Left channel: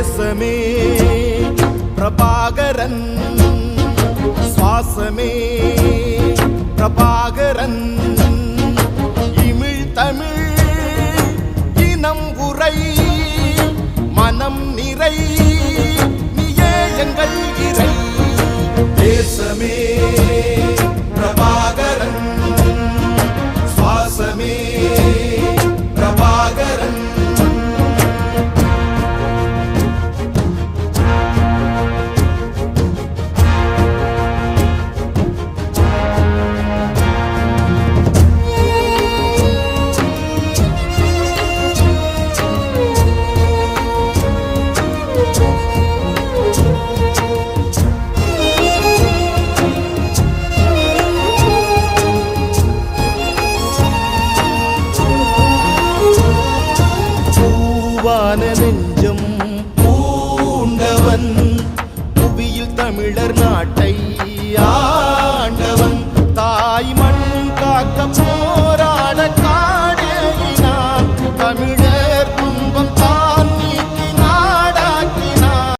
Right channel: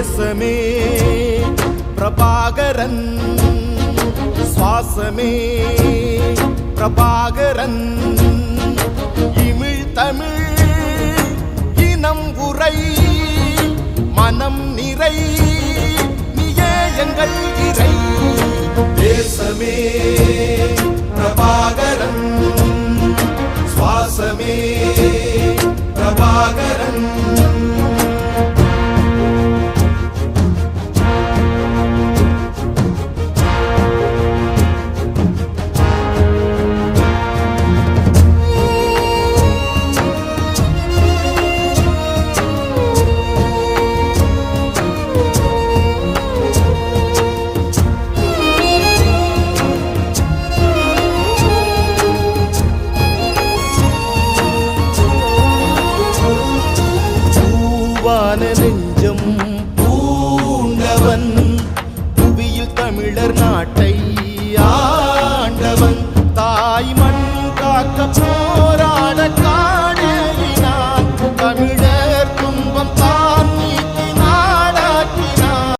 தேசமே பிரபாகரன் சுவாசமே பிரபாகரன். இமிழ் தமிழ் இனம் உரை மனம் நிறை நீயே எங்கள் இறை. தேசமே பிரபாகரன் சுவாசமே பிரபாகரன். பூவான நெஞ்சம் பூண்டவன். புவியில் தமிழர் நாட்டை ஆண்டவன். தாய் மண் காக்க போராட காடேயினான் தமிழர்.